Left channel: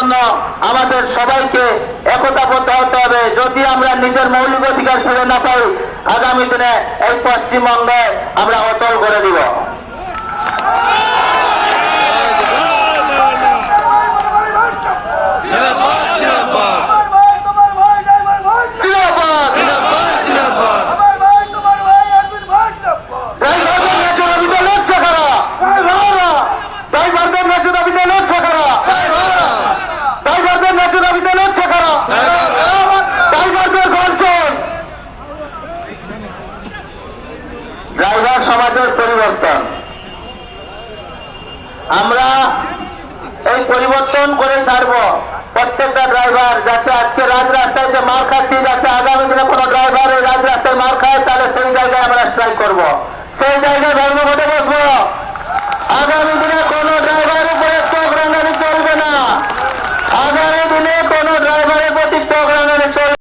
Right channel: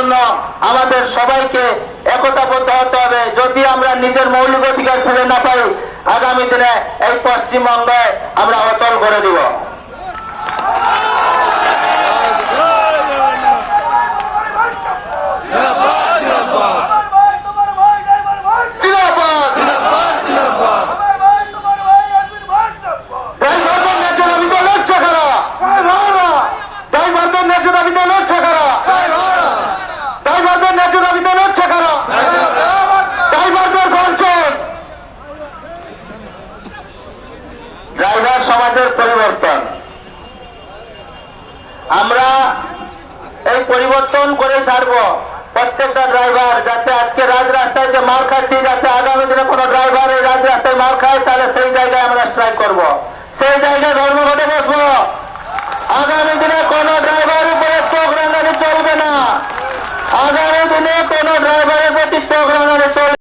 জন্য আমাদের সবাইকে একতাবদ্ধ হতে হবে। যদি আমরা নিজের মৌলিক অধিকার ফিরে না পাই, আগামী দিনে এই পশ্চিমবঙ্গে আমরা অচল করে দিব। ড্রাইভার সমাজের পরিবর্তন, আমরা এই পরিবর্তন করে ছাড়বো। প্রত্যেকটা ড্রাইভার যাতে আজকে রাজরাস্তায় যে মাল খাচ্ছি, যাতে আগামী দিনে কোনো ড্রাইভার রাজরাস্তায় মাল খায়, তাহলে সেই জায়গায় আমরা স্ট্রাইক করবো। সেই জায়গায়